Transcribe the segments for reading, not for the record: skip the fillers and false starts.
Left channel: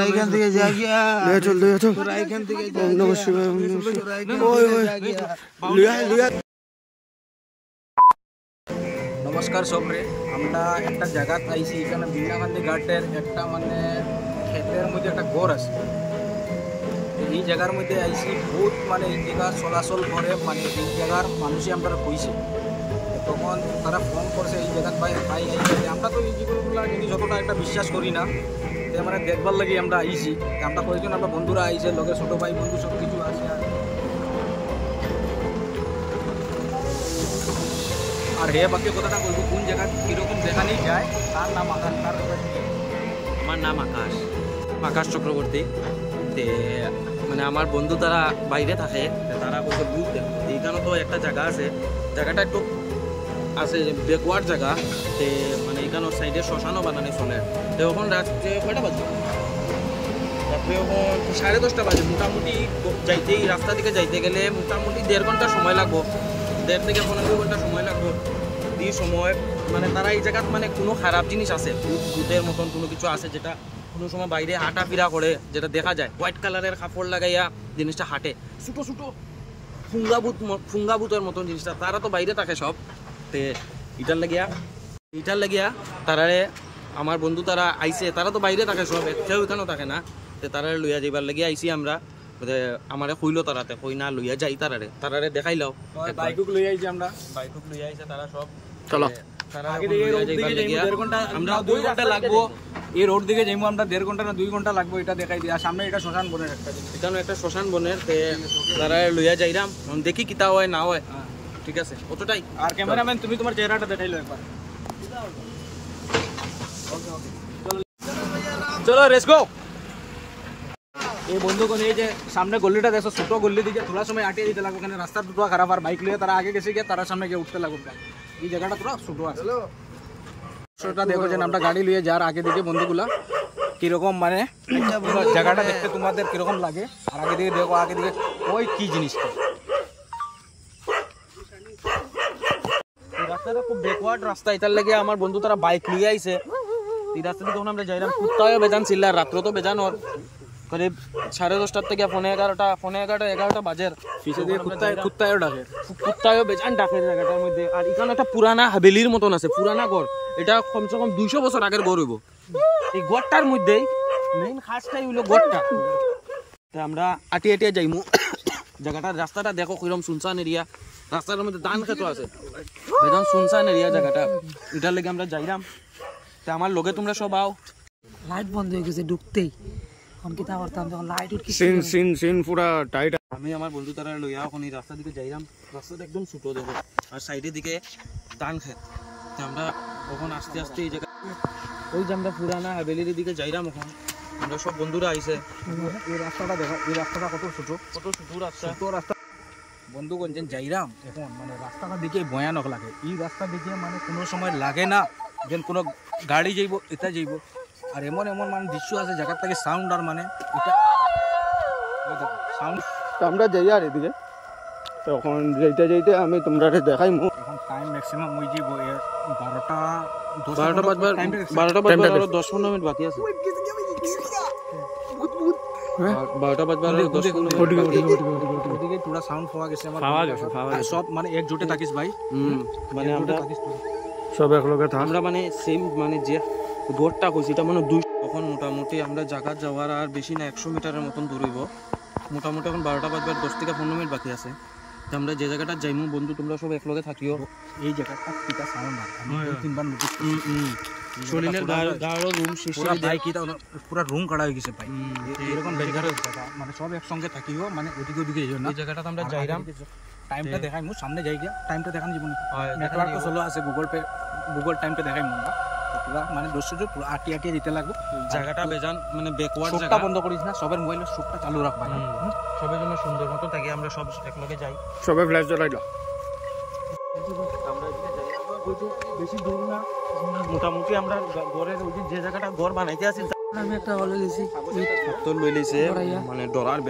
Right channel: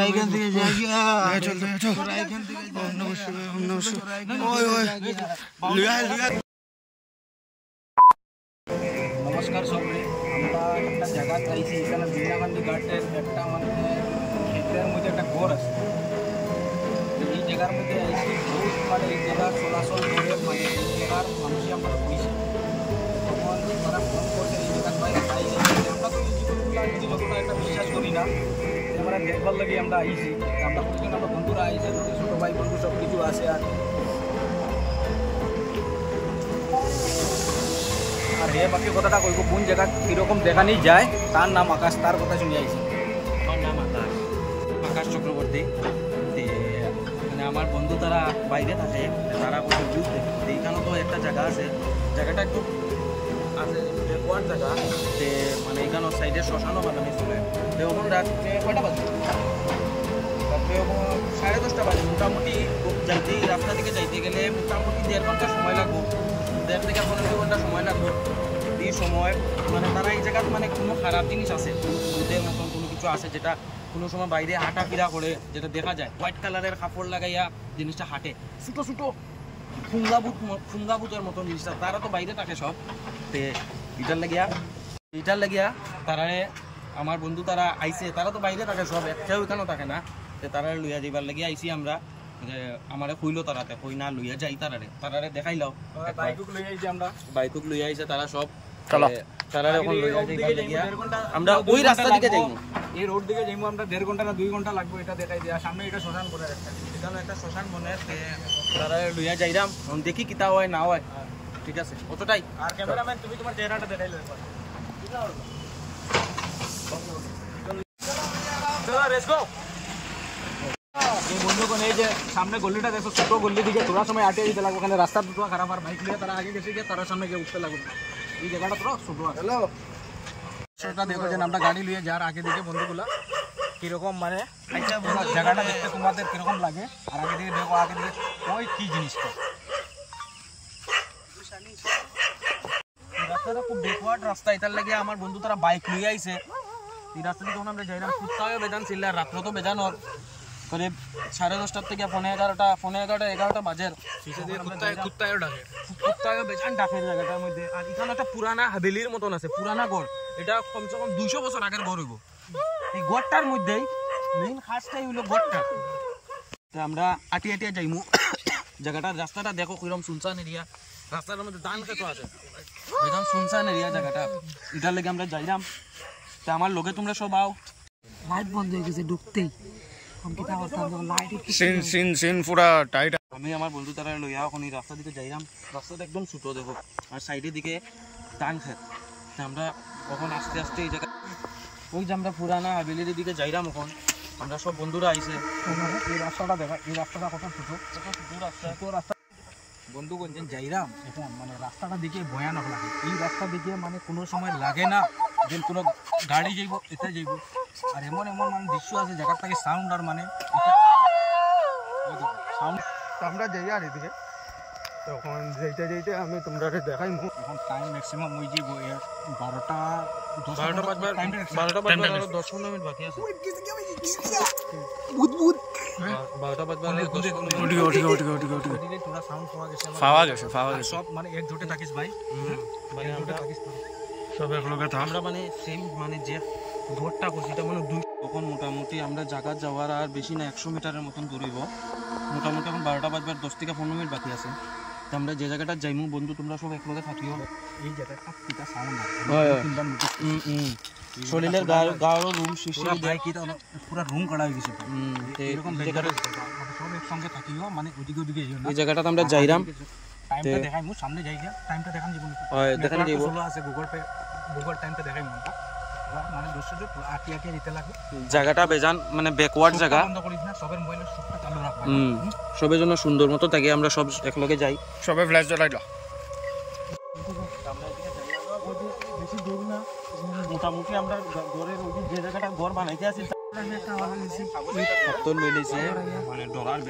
এখান থেকে যাই গিয়া চল চল এখান থেকে নমস্কার সবরে আমরা একটা জায়গা পাইছি এখানে বিনাকান্দি ঘাটের একটা মানে ক্ষেতের মধ্যে একটা ঘর আছে এই জায়গার মধ্যে আইছি বহুত মানে এই জায়গা চলাচল করে মানে এই জায়গার মানুষই আমরা কইছে তখন তারা ফোন করছে এই জায়গা পাই আমরা তো এই জিনিসগুলো যতটা একটা বিশ্বাস করি না আমরা দেখবার লাগি আমরা আইছি আমরা কয়েকজন আমরা বন্ধুরা আইছে লোকে ছোটো ভাই বন্ধু সব কিছু আছে আর হে বাকি কথাটা কইব কোন জায়গা কীরকম দেখানি যায় তার নাম আকাশ তার কথা শুনে আইছি আমার নাম আকাশ চক্রবর্তী তে মানে আমার বন্ধু তারা বাইরে থাকে তারা কইছে বুঝ দেখো এইখানে তো একটা জায়গা আছে জায়গাটা একটু আছে বেকওয়ার্ড জায়গা তে মানে এখানে সাইডে শ্মশানও বানানি চলে তো এখন রাত্রে কয়টা বাজে রাত্রে এখন 10:30 বাজে মোটামুটি যাইতে রাস্তা দিকে যাইতে গেলে মোটামুটি 1.5 ঘন্টা সময় লাগবো 1.5 থেকে 15 ঘন্টা সময় লাগবো এই সময় মানে তারা এই জায়গাত মানে কোনো খারাপ জিনিস আছে ভূতের মতন কোনো কিছু আছে যেটা কোনো সময় বাইরে হাঁটাফিরা করে যেটা দেখা যায় হোয়াইট কালারের কাপড় লাগাইয়া জিনিসটা হাঁটে ছোটো ছোটো ফুঙ্গাবুতের মতন জিনিসটা তারা তো বাইরে থাকে সব তে এটার লাগিয়া তারারে আমার বন্ধু তারা আইসে তারা তো বাইরে থাকে সব কেউ এখানেও থাকে না তে তারা লইয়া যাইবার লাগিয়া আইসি আমরা আমারে কইলো তারাতে কই না লইয়া যাই তারারে দেখাইলাও বাইকুক লই আইছি আমরা বাইকুক লইয়া আইছে তারা সব চলো আমরা ওই রাস্তা লাগবো এই রোড দিকে যাইমু আমরা 1.5 ঘন্টা না 2 ঘন্টা লাগবো এটা দেখাই দিই আর সামনে এটা শ্মশান বনের একটা এখানে একটা শ্মশান বনের তারা লইয়া যাইরাম দেখি কিতা হয় না হয় ঠিক আছে অতটাই আর ক্যামেরাম্যান তুমি তোমার চেহারাটা দেখাইলো একবার চলো লেটস গো এই বন্ধুগণ এই যে সামনে গল্লিটা দেখো ছোট গল্লি দিকে তোরা সময় আটে দিতে লাগবে ওখানে রাস্তার দুটো খারাপ আর বাইক লিয়ে তারা আগে গেছে গিয়ে তারা সামনে গিয়ে উঠতে লাগবে এই জায়গাটা তোরা ছোট আছে সেটা দেখো যে আমরা গাড়ি লিয়ে যার আগে দিকে বন্ধুগুলা কিরকম মানে জায়গাটা দেখতে তোমাদের কিরকম লাগে আর আগে দিকে দেখো আগে দিকে ওই কি জিনিসটা এই রাস্তাটা খুব ব্যাকওয়ার্ড রাস্তা এটার লাগে আমার বন্ধু তারা বাইক লিয়ে আইছে এই রাস্তা দিয়ে যখন আমরা যাইলাম কুত্তায়ও বেজান ছিল আর রাত্র তো বেজান ওর করিব 10:30 থেকে 11:30 বাজের পিছে দিয়ে কুত্তায়ও ডাকে কুত্তায়ও বেজান ডাকে জায়গাটার মধ্যে আর এখানে একটা পুরানা হাবেলির মতন আছে পুরানা ঘর এটা কমসে কম 200 বছর আগের ঘর হইব এই ঘরটার মধ্যেই মেইন খাসটাই হইলো ঘরটা আমরা আটিয়ে যাইমু জায়গাটার রাস্তাটা দেখো কিরকম শুনসান এরিয়া রাস্তার মধ্যে ধান ক্ষেত আছে বেজান শুনসান এরিয়া জায়গাটা এটার লেগে আমরা যাইরাম তা আমার লগে তোমরা সব আও লাইট বন্ধ হয়ে গেছে ঢুকতেই অনকিতা করতাম যখন লাইট উঠছে সিন পুরা টাইট আমি আমার বন্ধু তারা লইয়া এখন এই রাস্তা দিকে যাইরাম রাস্তাটা একদম ছোট দেখো আর সাইডের দিকে ধান ক্ষেত আমরা কখন আস্তে আস্তে এই জায়গা ওই যে আমরা পুরানা হাবেলির দিকে যাইরাম এখন আমরা সব বন্ধুরা আইছে এই রাস্তাটা দেখো এই রাস্তাটা কত ছোট রাস্তা বন্ধুগণ যে যাইরাম এখন মানে রাস্তাটা দিকে ভয়ানক লাগে এই রাস্তা দিকে মানে কোনো সময় লাগে না যে কোনো গাড়ি যাইব এটা যাইব আর এমন এমন মানে দৃশ্য আছে জায়গার থেকে সাউন্ড আর মানে এটা সাউন্ড আমরা যাই আর এদিকে তখন যাইতে আমি তোমরা দেখাই এখন টাইম ম্যাক্সিমাম ওই যে 12টা 10 মিনিট বাকি আছে 12টা পুরো সাউন্ড পাওয়া গেছে সব মানে একজোটে থাকিস ভাই মানে আমরা সব একলগে থাক আমরা মানে সেম মানে যে ঘরটা কইছি এটা মানে 2 তখন মোটামুটি আমরা জায়গা যাওয়ার আর বেশি না 100 মিটারের মতন দূর হইব মোটামুটি এখন 12টা বাজবার 10 থেকে 15 মিনিট বাকি আছে তো আমরা যে জায়গাটা যাইমু বন্ধু তোমরা সব একলগে থাকিও এই জায়গাটা কিটা সাউন্ড আর তিনবার নোটিস শরীরের গাড়ো রুম শিশির দেয় কি পুরো রুম কাটা হয়ে গেছে ভাই এরকম জায়গাটা মানে সব একসঙ্গে থাকিও মানে ওদিকে যাইও না এই জায়গাটা আমরা যাইরাম টাইমটা দেখাই মু সামনে যাই গিয়া টাইমটা দেখান জীবন দেখান চলো আছে গুগল টাইমটা দেখাই মু মানে দর্শক আটিয়ে দিতে লাগবে জায়গাটা বেজান মানে ব্যাকওয়ার্ড জায়গা বন্ধ করিস না সবার মোবাইলের চোখটা চালু রাখবা সবের জন্য সুন্দর মতো থাকি আমরা সব একলগে যাই সবে ফ্ল্যাশ জ্বালাইলো আমরা এদিকে যাই ওই যে বেশি দূর না মোটামুটি আমরা ঘরের ওই যে জায়গাটা ঘর বানাইতে আছি একটা ভালো গেছি সত্তর লই লইছে মানে ডরার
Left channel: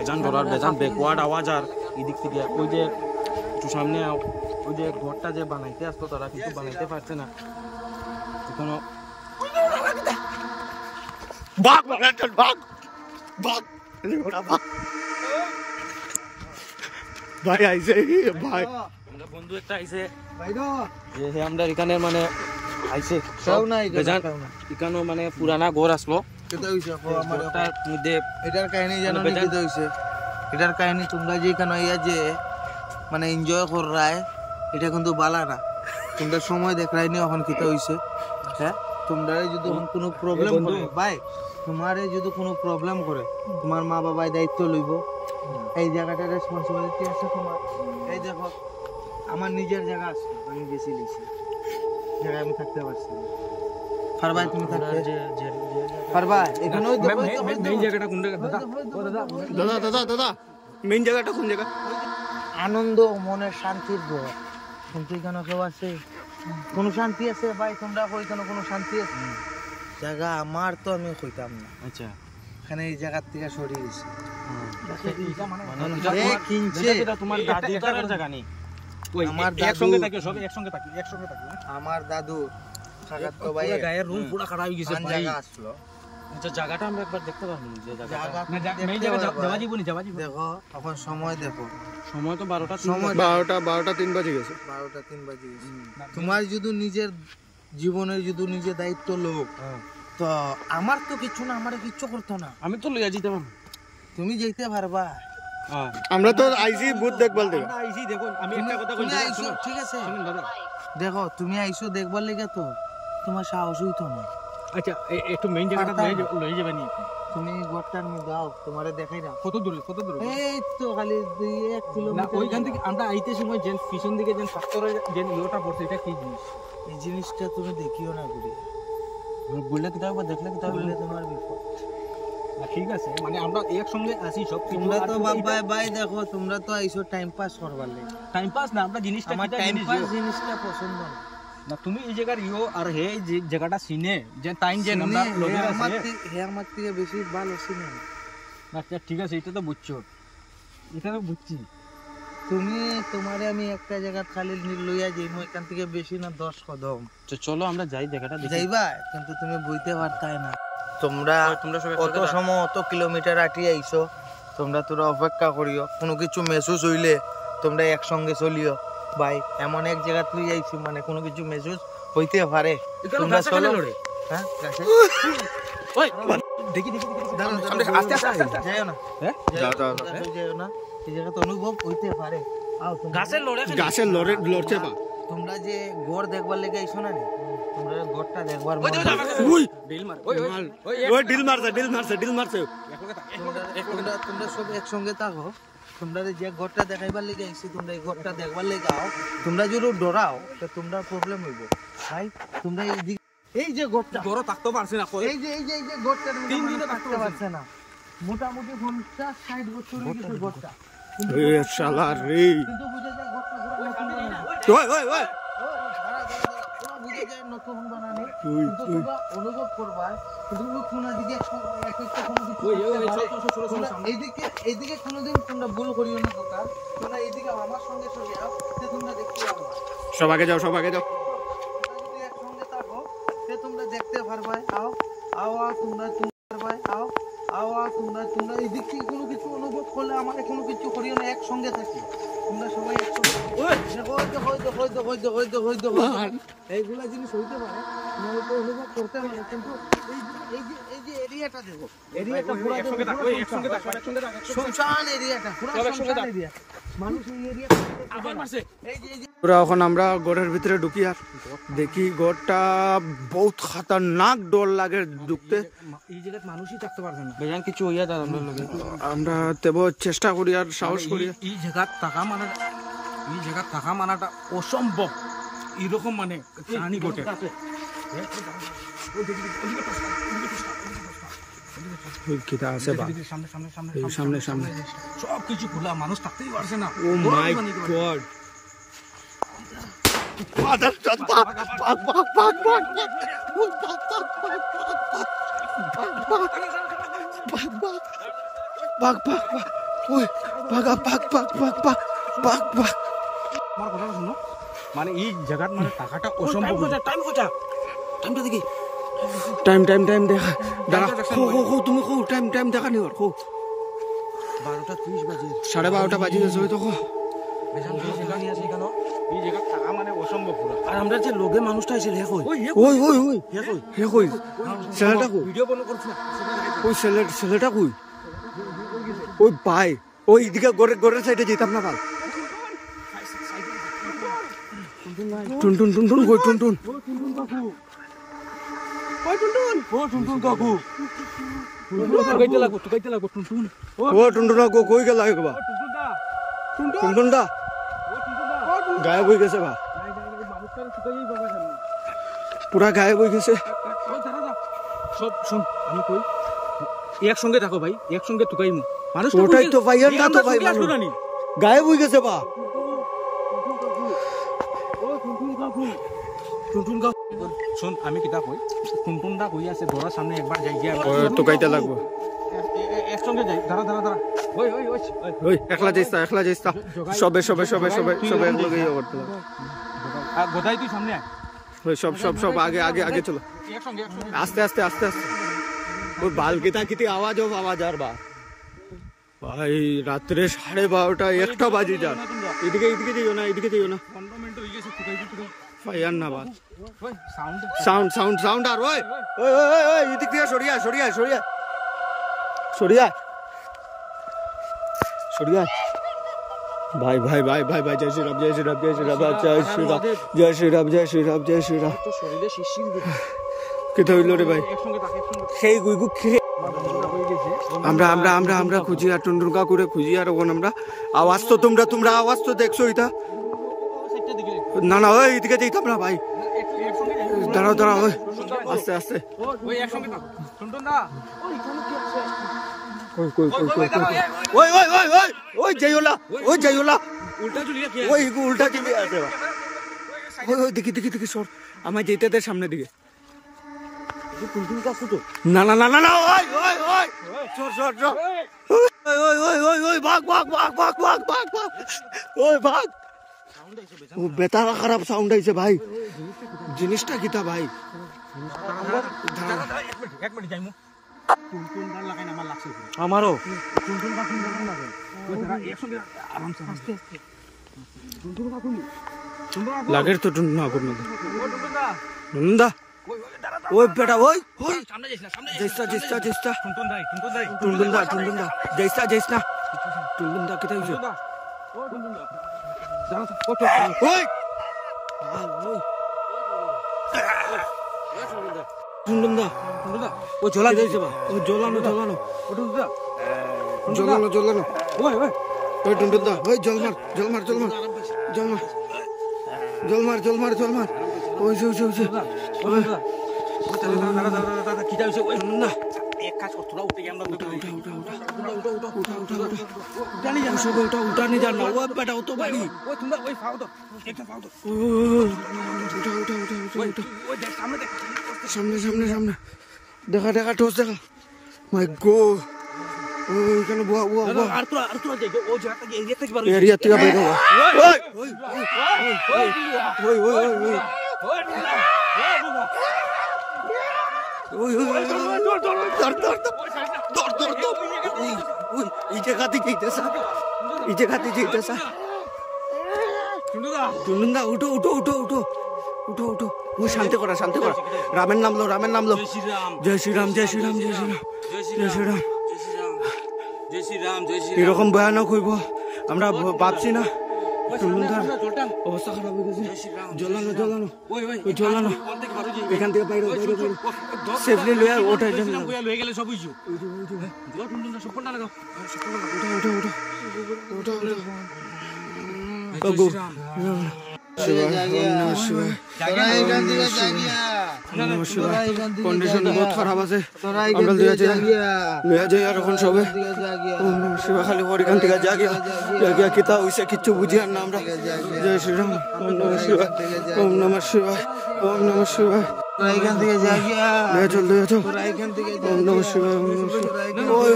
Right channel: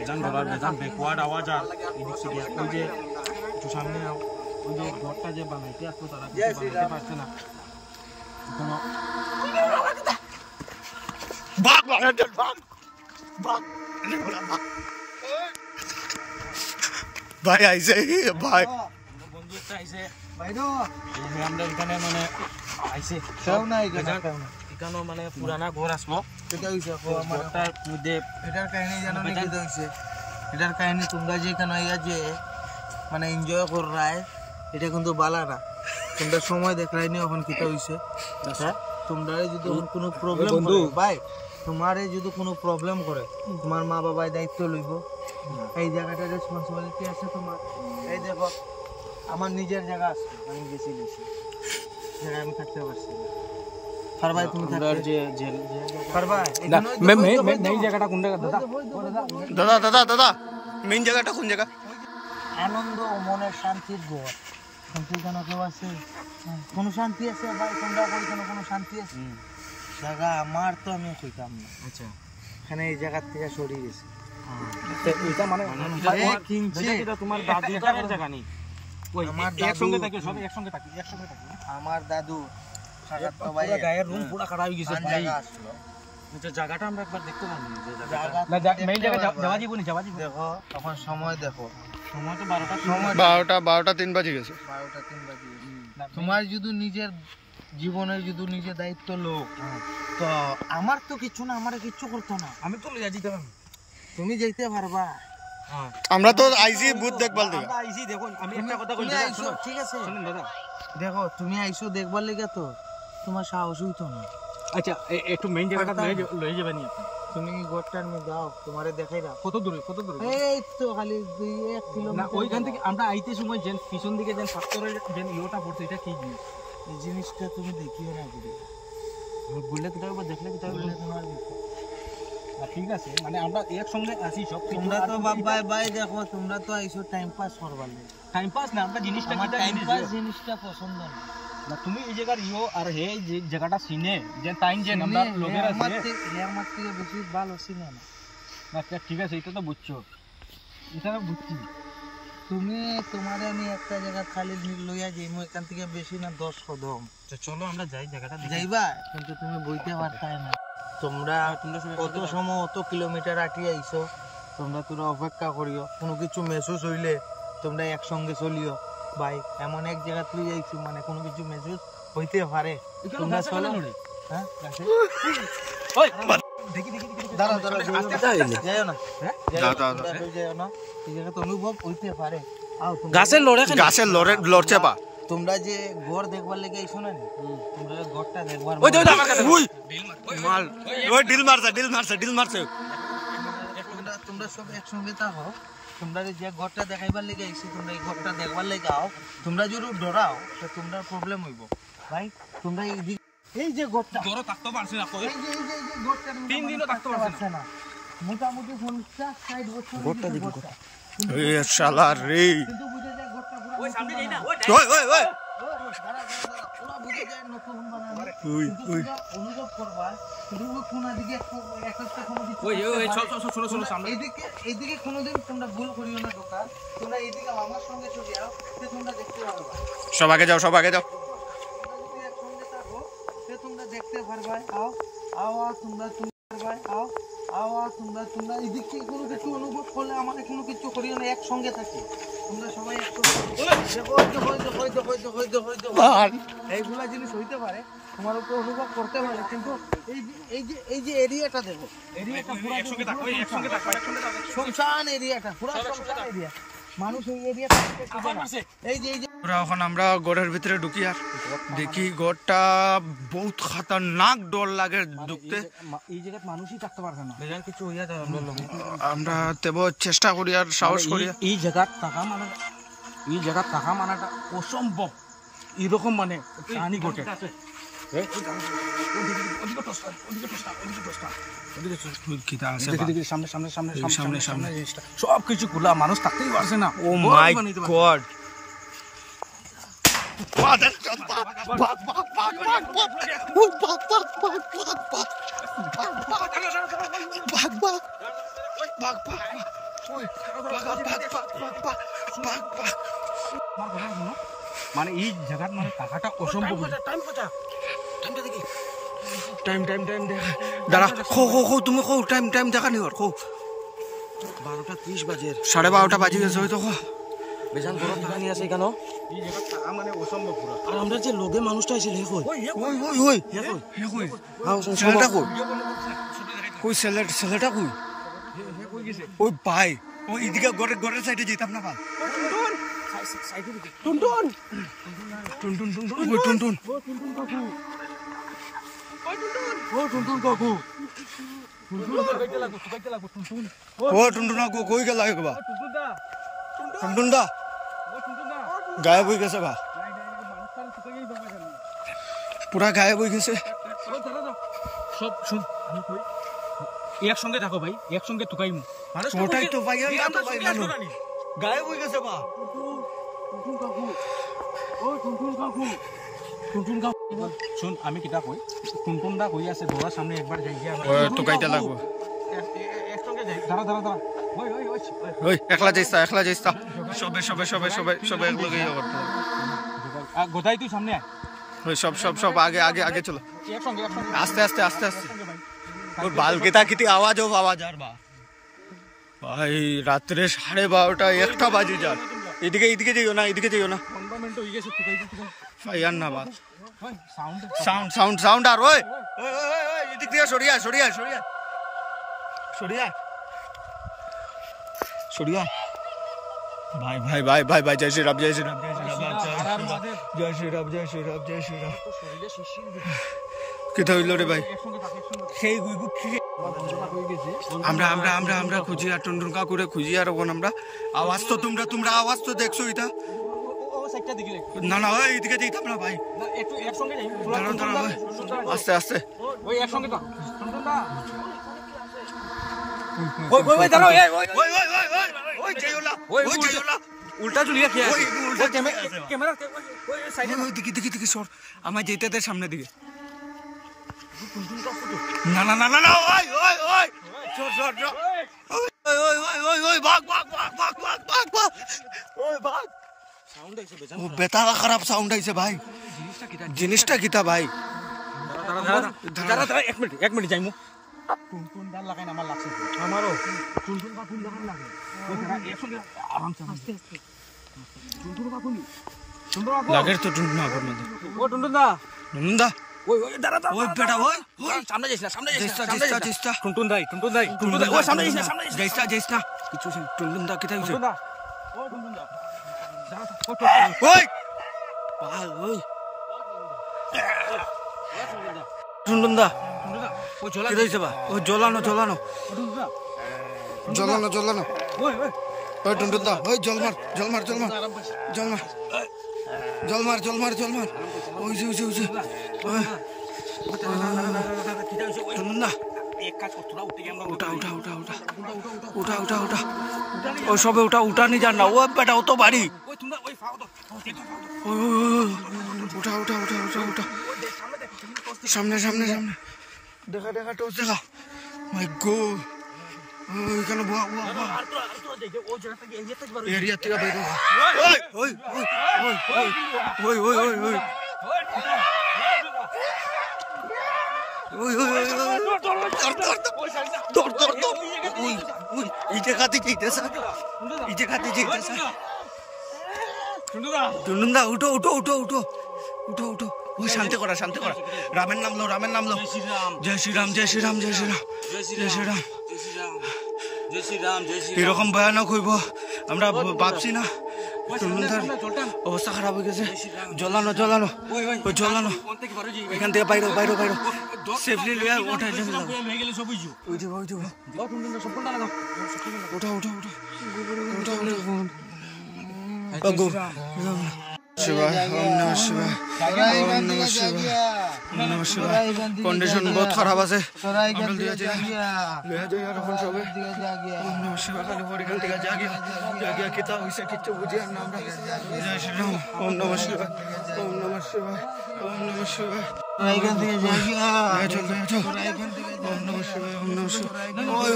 বেজান ব্যাকওয়ার্ড আওয়াজ আর এদিক থেকে ওই যে একটু সামনে ওই যে ঘরটা যে বানাইতে আসতো তারা কিছু বানাইতে পারছে না এখনো ভাগ ভাই আইছে ভাই আমরা বন্ধু একটা আইছে বাইদো আমরা এখানে মানে আইছে কেউ নাই এখানে এখানে মানে পুরানা ঘর আসলো কেটে হইছে আমার ঘরটার মধ্যে এটার কাহিনী জানো মানে কি হইছে এটার কাহিনী তোমরা যে এখানে আইয়া যে মানে এনজয় কর রায় এটা কিন্তু বালা না তোমরা সময় দেখাই নি এখন কিটা হইছে হ্যাঁ তোমরা যদি এখন কোনো প্রবলেম করে ভাই তোমারে যদি কোনো প্রবলেম করে তোমার মা বাবাই দায়িত্ব লইব এই জায়গাটার রেসপন্সিবিলিটি আছে তোমার এই দেখো আমার নিজের জায়গা আছে আমি গেছি লিছি জায়গায় আমি থাকতে পারছি না পারবাই তুমি থাকতে যে পারবাই এখানে মেইন জায়গাটা কোন জায়গা দাদা দাদা দাদা দাদা মেইন জায়গাটা কোন জায়গা আনন্দ মনের শান্তির ঘর কিন্তু কেন কেউ আছে কোনো শান্তি আছে ভাই তোমরা কই কেন কোনো শান্তি আছে জায়গা আমার তো আমি কইতাম না আচ্ছা এখানে এই জায়গা থেকে সরিয়ে গেছি এটা মানে এ কিনছে এটা তোমার দাদুর জায়গা নেই ওই আমার একসঙ্গে দাদু থাকি সব একসঙ্গে থাকি আমার দাদু সাজাত তো ভাই পুরো গায়ের রুম পুরো খারাপ হয়ে গেছে ভাই জায়গা আসলো যে জায়গাটা আমরা একবার দেখতে পারবো যে জায়গা না মেইন জায়গা যাওয়া যাবনি দেখো এখন সময় দেখো সময় তো 12টা সময় 12টা 3 বাজে গেছে 12টা 3 বাজে তোমার যদি নিজের জীবনের যদি নিজের দায়িত্ব লোক তো আমার তো কিছু না আমার কিছু করতো না আমি তো লইয়া যেতে পারবো তুমি যেতে পারবা হ্যাঁ আমরা তো আইছি ভূত দেখবাল থেকে আমরা আইছি দেখো আমি একটা কথা কই তুমি দাদা আইছো, শুনুন ঠিক আছে শুনুন দাদা দেখো তুমি আইছো দেখবার লেগে তো তোমার সাহস হইতো না আচ্ছা একটু মেইন জায়গাটা লয়ে যাবেন আপনি তুমি গোটার মে দাও তোমারে দেখাই দাও কত দূরে এই তো খালি 2-1 না কিলোমিটার ওইখান থেকে আমরা আইতে সময় যে পিছন দিকে যে সাতরে যে ইয়োটা পড়ছে এটা কি জিনিস এই জিনিসটা তুমি দেখিও না ঘুরে বললে কি তারপর দেখলে কি তারপর বললে তোমার বিপদ ঠিক আছে মানে আমরা একসঙ্গে আসি সব তোমরা তো বাবা ভাই দেখো তোমরা তো আইছো টাইম পাস করবার লাগে টাইম পাস না আমরা জিনিসটা আমার কিটা টাইম জিনিস পাস জিনিসটা পছন্দ না না তুমি এই জায়গার আর হে যে জায়গাটা সিনে যে টাইম যে আমরা লগে আছে আমার থেকে বেশি ভালো চিনে না আচ্ছা ঠিক আছে এটা তো বুঝছো এটা তো বুঝছি তুমি তোমারে আমি একটা জায়গা খালি লইয়া যাই মই এখান থেকে বেশি না 10 কদম তো চলো আমরা যাই জায়গাটা দেখি যাইবা কিন্তু তুমি বুঝতে পারতাই না তোমরা সব কত সময় অত কিলোমিটার আটি আইছো তোমরা তোরা অপেক্ষা করিও কোনো কিছু মেসেজ হইলে তোমরা একসঙ্গে চলিও ভাই এমন এক জায়গা তুই আইছো মানে কোনো কিছু মেসেজ হইতে পারে তোমরা চলো হ্যাঁ গাছে ওই দেখি দাঁড়া আস্তে আস্তে যাও না হ্যাঁ যাও যাও না এই জায়গা তো অনুভব হইতে পারে আও তোমরা গাছের লড়ে লড়ছে পা তোমরা যে ঘর দেখবার লেগে আইছো না তোমরা ঘরটা দেখবার ওই মাল ওই ডিল মারছে তোমরা সব একসঙ্গে থাকো তোমরা যে ঘরটা দেখাইবার লেগে আইছি তোমরা এই ঘরটা দেখবার লেগে আও তোমরা যদি ডরাও তো তোমরা প্রবলেম হইব ভাই তোমরা এই যে ঘরটা জোরে থাকতে পারছি না এই যে ঘরটা 3 দিনও থাকতে পারছে না মোটামুটি 50-60 বছর হয়ে গেছে ঘরটা এ শালা রে কিন্তু বুঝে যায় ঘরটা পুরো নতুন বানানো ওই পুরো বুঝে যায় নতুন বানানো ওই কিন্তু তোমরা অনুভব করবা কিন্তু ওই কোনা দিকে একটা কোনো কিছু ওই চল সামনে এইদিকে কোনোদিন তোমরা ভুল করিও না দোকান তোমরা এইদিকে আমার সঙ্গে চলে যাও তে তোমরা দেখতে পারবা সব আগে যাও তোমরা যদি একসঙ্গে থাকো তে তোমরা দেখতে পারবা আও তোমরা পারবা তোমরা এইদিক থেকে কোনো কিছু অনুভব করলে আমাদের কোনো কিছু করিও না একসঙ্গে থাকি তোমরা সবাই একসঙ্গে এইগুলা জিনিস হইতে পারে তোমার উপর অনুভব করতে পারে কিন্তু এই যে এরিয়াটা দেখো এরিয়াটা পুরো শুনশান এরিয়াটা পুরো শুনশান এরিয়া মানুষ এই এরিয়াটা আবার মারছে এই যে পুরা এখন আমরা গড়ের ভিতরে ঢুকি আর দেখি গড়টা বহুত খতরনাক ডর লাগে ঢুকতে এই জায়গায় মানুষই থাকতে পারছে না বেজান কিছু হইয়া দাও আমরা তেব চেষ্টা করি আর সাহস করি এই জায়গা থাকা মানাটা অসম্ভব এরকম মানে কাহিনী ঘটে সামনে সব কিছু খোলা মানুষ থাকতেই পারছে না ও মাই গড মানে এই জায়গার মানে টাকাটা অসম্ভব টাইমটা দেখি টাইম টাইম টাইম দেখা দাঁড়া খো খো খো তুমি খো টাইম টাইম দেখা নি খো 12:30 বাজে 12:30 বাজি গেছে হয়তো খো বেজান জায়গা নিয়ে আছে কেন এই জায়গা থাকা মানে অসম্ভব পুরো আর আমরা যে লোকে মানুষটা আছে হে কই ওই ওই ওই হে কই ছেলেটা কই ওই ছেলেটা কই ওই ভাই ওই এদিকে গড়ের সাইডে যেতাম না ভাই টুনটুন টুনটুন কই টুনটুন ও টুনটুন কই গেল বা টুনটুন দা গায়েব হয়ে গেছে বা পুরা গায়েব হয়ে গেছে সব শুন আমি কই একসঙ্গে থাকো ভাই একসঙ্গে তুকাইমু মানুষ ওটাই তো ভাই আর না তো ভাই মানুষ গায়েব হয়ে গেছে বা টুনটুন কাকু শুন আমি কিতা কই টুনটুন দা কই আছে ঘরের সামনে একবার যাই গিয়া তোকাইতে লাগবো একসঙ্গে যাই দাঁড়া দাঁড়া দাঁড়া ওই ওই ওই ওই একলা যাইস তা সবে একলগে করতে গোদাই তুই সামনে আয় ওই সব আগে চলো একসঙ্গে আস্তে আস্তে ওই বালকেতা কিতি আওয়াজ আর বা ভাই রাত্রে 12:30 1টা বাজে যান এদিকে যাইও না 15 মিনিট হয়ে গেছে তুকাই ভাই আর না বাস ওই সাউন্ড আর ওই এদিক দিয়ে সরিয়া ভাই জয় শ্রীরাম তো শরীরে শিরশির কেতে হইল রে ভাই সেই গুইগু আমরা খুঁজি আর টুনটুন কাকুরে খুঁজি আর ওখানে আমরা আওয়াজ তো তোমরা আওয়াজ তো দেখছো এটা না ওই এদিকে যেতাম না ভাই দাঁড়া ওই আস্তে ওই একসঙ্গে তো টুনটুন দা ওই যাইওলা উল্টা চুলিয়া উল্টা চলে আছে ওই দেখি সর আমায় যেতে দে সামনে দিকে না ওই সর ওই ভাগ ওই ভাগ ও বেতা খারাপ সাউন্ড আইছে ভাই জিনিসটা কিতা ভাই এক মিনিট যাইমু টুনটুন দা লাগাই আমার লাগছে আমারও টুনটুন দা সুন্দর লাগে ওই দাঁড়া একসঙ্গে আরামসে আস্তে টুনটুন কাকু লাগের তো টুনটুন না করনা ও টুনটুন দা ওই দাঁড়া ওই বেটা ওই সামনে যাইস না যাইস্তা টুনটুন দা যাইস না কিছু টুনটুন দা কিতা হইছে ও টুনটুন দা ওই পাল ওই টুনটুন দা ও জ্বলা কি হইছে বা ও জ্বলানো ও টুনটুন দা জ্বলানো ওই টুনটুন দা ওই জল মার ওই যে কিটা হইছে ওই না এক কাজ কর তোরা উঠে আমরা উঠা ও সবে উঠা নি জান না ও বেটা ও তো বাড়ি ওই তোমরা ওই ফাও তো এটা ফাও তো ওই উঠা সামনে দেখা টোস দেখা মাই গো ওইখানে বুয়া আর তোরা দেখো ও জায়গাটা এরিয়া থেকে বার এরিয়া থেকে বের হওয়া ওই ইটে খাতে যেতেছা টুনটুন দা উঠো ওই শান্তি করা রামের নামলো জয় শ্রীরাম এরকম ভয়ানক হইব আমরা ভাবছি না টুনটুনদার অবস্থা খারাপ হয়ে গেছে জ্বলানো এখান থেকে বাইরে সেফলি লইয়া ওটা হয়ে গেলে সব হইছো ওই যে টুনটুন দা সব কোনটা লাগাও কন্ডিশন বহুত খারাপ আছে খালি এখান থেকে জাগিয়া কিতা হইছে কিচ্ছু বুঝি আর না আমরা জয় শ্রীরাম ওম নমঃ শিবায় চল ওম নমঃ শিবায় ওই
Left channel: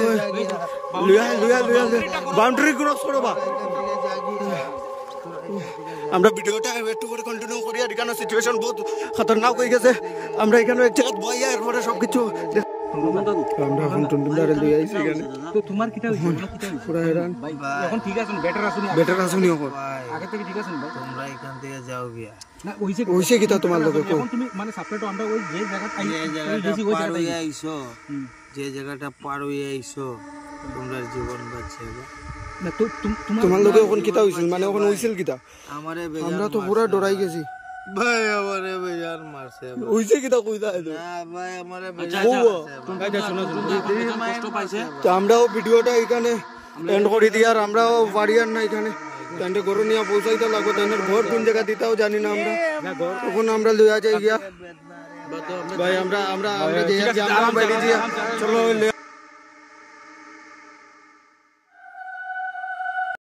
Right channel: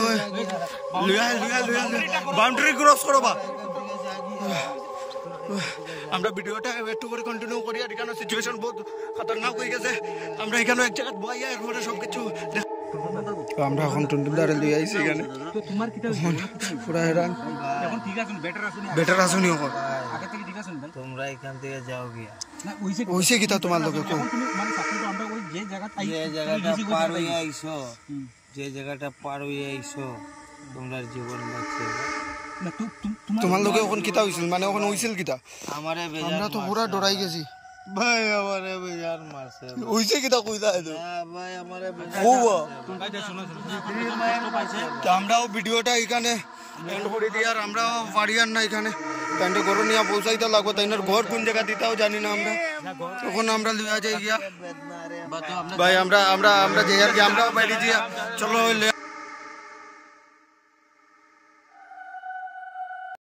লিয়া বাউন্ডারি ক্রস করো বা আমরা ভিডিওটা একটু করে কন্টিনিউ করি। আর এখানে সিচুয়েশন বহুত খতরনাক হয়ে গেছে। আমরা এখানে এক জায়গায় বই এরপরে সবকিছু আমরা এখন টুনটুনদারে লই আইছি এখানে। তো তোমার কিটা পুরা হেরান এখন ঠিক আছে বেটার আসুনি এখন আগে থেকে ঠিক আছে ভাই তোমরা এখান থেকে যাও গিয়া না ওইছে হইছে কিতা তোমার লগে কো তুমি মানে সাপোর্ট আমরা ওই যে জায়গা যে জায়গাটা পার হয়ে আইছো যে জায়গাটা পার হয়ে আইছো তোমরা জীবন বাঁচছে না তো তোমার লগে এখন কিতা হইছিল মানে এখন হইছিল কিতা আমারে আমরা তো পুরা ডরাই গেছি ভাই আমারে বেজার মারছে হইছে কিতা কইতা আইলো না ভাই আমারে ওয়া তুমি শোনো কষ্ট পাইছে তো আমরাও ভিডিওটা এখানে এন্ড করে দিই। আর আমরাও বাড়ি আর না এখানে কান্ডে ঘর নিয়ে পৌঁছাইতে লাগবে। তাইনার ঘর কোন জায়গা দিতেও জানি না আমরা। তখন আমরা লইয়া যাই গিয়া ভাই আমরা যে আমরাও বাইরে যাই চলো